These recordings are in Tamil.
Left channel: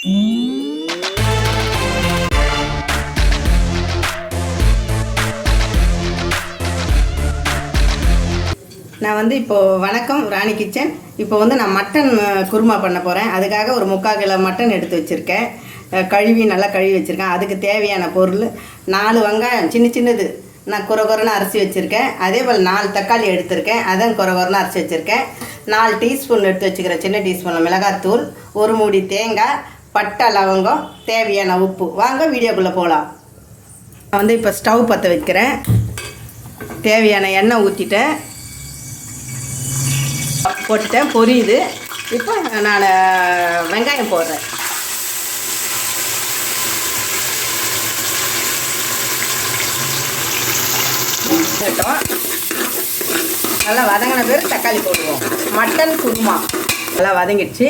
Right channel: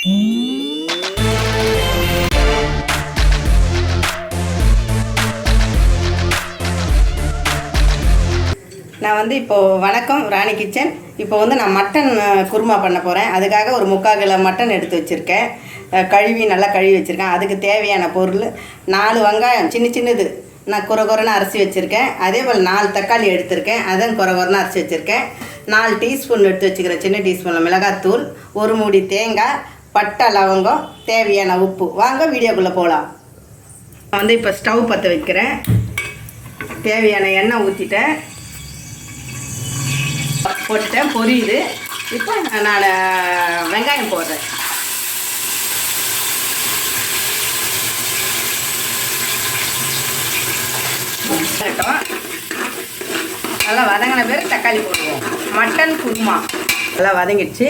நான் வந்து இப்போது வணக்கம் ராணி கிச்சன். இப்போ வந்து நான் மட்டன் குருமா பண்ண போகிறேன் அதுக்காக ஒரு முக்கால் கிலோ மட்டன் எடுத்து வச்சுருக்கேன். கழுவி நல்லா கழுவி வச்சுருக்கேன். அதுக்கு தேவையான பொருள் நாலு வெங்காயம் சின்ன சின்னது. நான் குறை குறைன்னு அரிசி வச்சுருக்கேன். அதே போல் நாலு தக்காளி எடுத்திருக்கேன். அதான் குறை குறைன்னு அரிசி வச்சுருக்கேன். நாலு டீஸ்பூன் எடுத்து வச்சுக்கிறேன். சின்ன டீஸ்பூனில் மிளகாத்தூள் ஒரு மூடி தேங்காய் பட்டை லவங்கம் தேவையான உப்பு. வாங்க வீடியோக்குள்ளே போகலாம் நான் வந்து இப்போ ஸ்டவ் பற்ற வைக்கிறேன். தேவையான எண்ணெய் ஊற்றிட்டேன் போட்டுட்டேன். பொரியுது. இப்போ நான் வெங்காயம் போடுறேன். நல்லா வதங்கின பேர் தக்காளி போடுவோம். மட்டன் குருமா. நல்லா வதங்கிடுச்சு.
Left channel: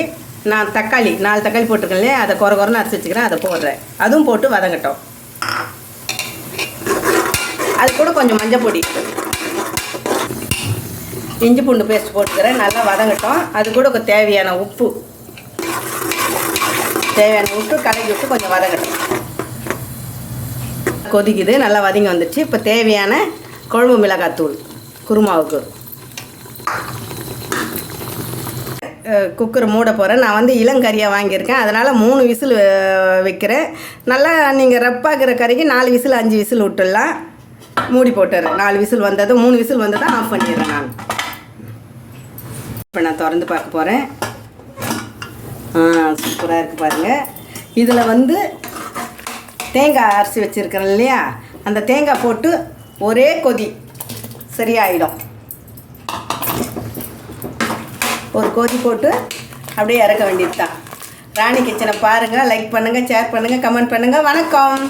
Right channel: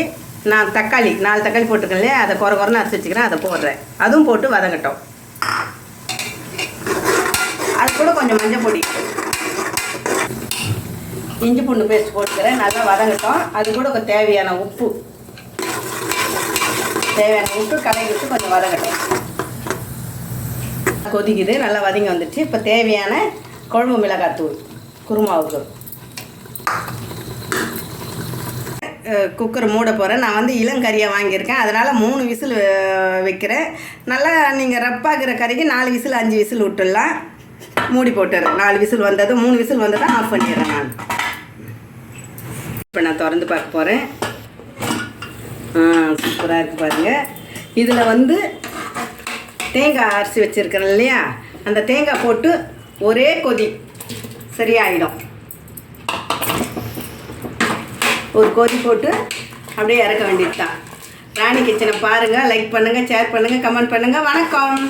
நான் தக்காளி நாலு தக்காளி போட்டுக்கலையே அதை குறை குறைன்னு அரைச்சி வச்சுக்கிறேன் அதை போடுறேன். அதுவும் போட்டு வதங்கட்டும். அது கூட கொஞ்சம் மஞ்சள் பொடி. இஞ்சி பூண்டு பேஸ்ட் போட்டுக்கிறேன் நல்லா வதங்கட்டும். அது கூட தேவையான உப்பு. தேவையான உப்பு கலக்கி விட்டு கொஞ்சம் வதங்கட்டும். கொதிக்குது நல்லா வதங்கி வந்துடுச்சு இப்போ தேவையான குழம்பு மிளகாத்தூள் குருமாவுக்கு. குக்கர் மூட போகிறேன் நான் வந்து இளங்கறியாக வாங்கியிருக்கேன். அதனால் மூணு விசில் வைக்கிறேன். நல்லா நீங்கள் ரப்பாகிற கறிக்கு நாலு விசில் அஞ்சு விசில் விட்டுடலாம். மூடி போட்டுறேன். நாலு விசில் வந்ததும் மூணு விசில் வந்ததும் ஆஃப் பண்ணிடுறேன் நான். இப்போ நான் திறந்து பார்க்க போகிறேன் ஆ சூப்பராக இருக்குது பாருங்கள் இதில் வந்து தேங்காய் அரிசி வச்சுருக்கிறேன் இல்லையா? அந்த தேங்காய் போட்டு ஒரே கொதி சரியாயிடும். ஒரு கொதி போட்டு அப்படியே இறக்க வேண்டியது தான் ராணி கிச்சனை பாருங்கள் லைக் பண்ணுங்கள் ஷேர் பண்ணுங்கள் கமெண்ட் பண்ணுங்கள் வணக்கம்.